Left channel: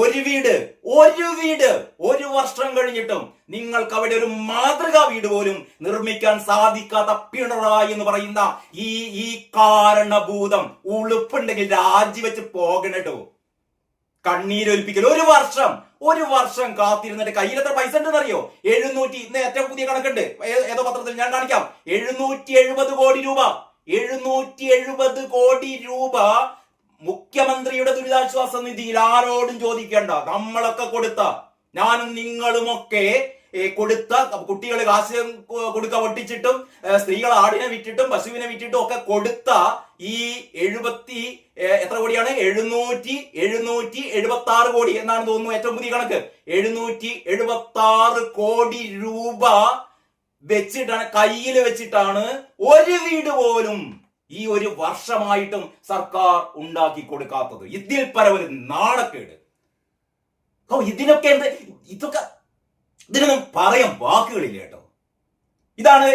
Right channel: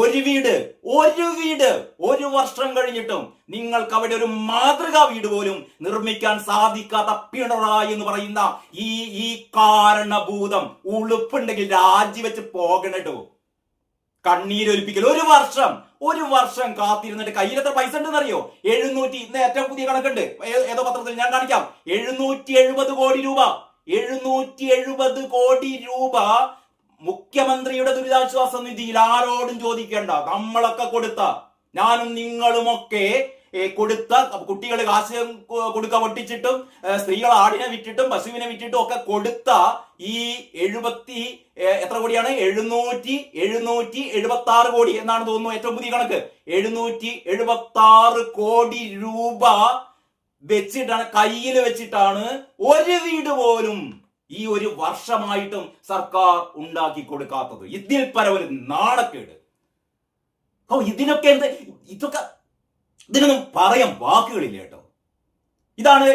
ഒരു വീട് ഒരു വർഷം കഴിഞ്ഞിട്ടും നിങ്ങൾക്ക് അവിടെ ഒരു മാതൃകാ വീട് പോലും നിർമ്മിക്കാൻ സാധിക്കാത്ത പിണറായി എന്ന് പറയുന്ന ഈ കാരണഭൂതം ഉളുപ്പുണ്ടെങ്കിൽ രാജിവെച്ച് പോകണട്ടോ. കണ്ണീരൊലിപ്പിക്കൽ. ഒരു വർഷം കാത്തിരുന്നിട്ട് കയ്യിൽ എത്ര പൈസ ഉണ്ടെന്ന് അറിയോ? 700, ഇന്ന് ഏറ്റവും പുതിയ കണക്കുണ്ട്, ഏതോ പത്രത്തിൽ ഞാൻ കാണിക്കാം. 770 കോടി രൂപ. 770 കോടി രൂപ മുഖ്യമന്ത്രിയുടെ ദുരിതാശ്വാസ നിധിയിൽ ആരോടും ചോദിക്കേണ്ട, നമ്മളൊക്കെ കൊടുത്ത, ഞാനും നിങ്ങളുമൊക്കെ കൊടുത്ത, കുട്ടികൾ കാശ് കൊടുക്ക പൊട്ടിച്ചിട്ടും സ്ത്രീകൾ ആടിനെ വിറ്റിട്ടും പശുവിനെ വിറ്റിട്ടും ഒക്കെ കൊടുത്ത ഈ എത്ര കോടിയാണ്? 776 കോടി എന്നാണ് തോന്നുന്നു ഏറ്റവും പുതിയ കണക്ക്. 776 കോടി രൂപ വെച്ചിട്ടാണ്, കയ്യിൽ വെച്ചിട്ടാണ് ഒരു വീട് പോലും ഈ ഒരു വർഷമായിട്ടും സർക്കാർ ഉണ്ടാക്കി കൊടുക്കാത്തത്. ഇതിൽ പരവൊരു നാണക്കേട്. ഇതിനൊക്കെ ഇതിനൊന്നും പറയാൻ വാക്കുകളില്ല കേട്ടോ. ഇതാണ്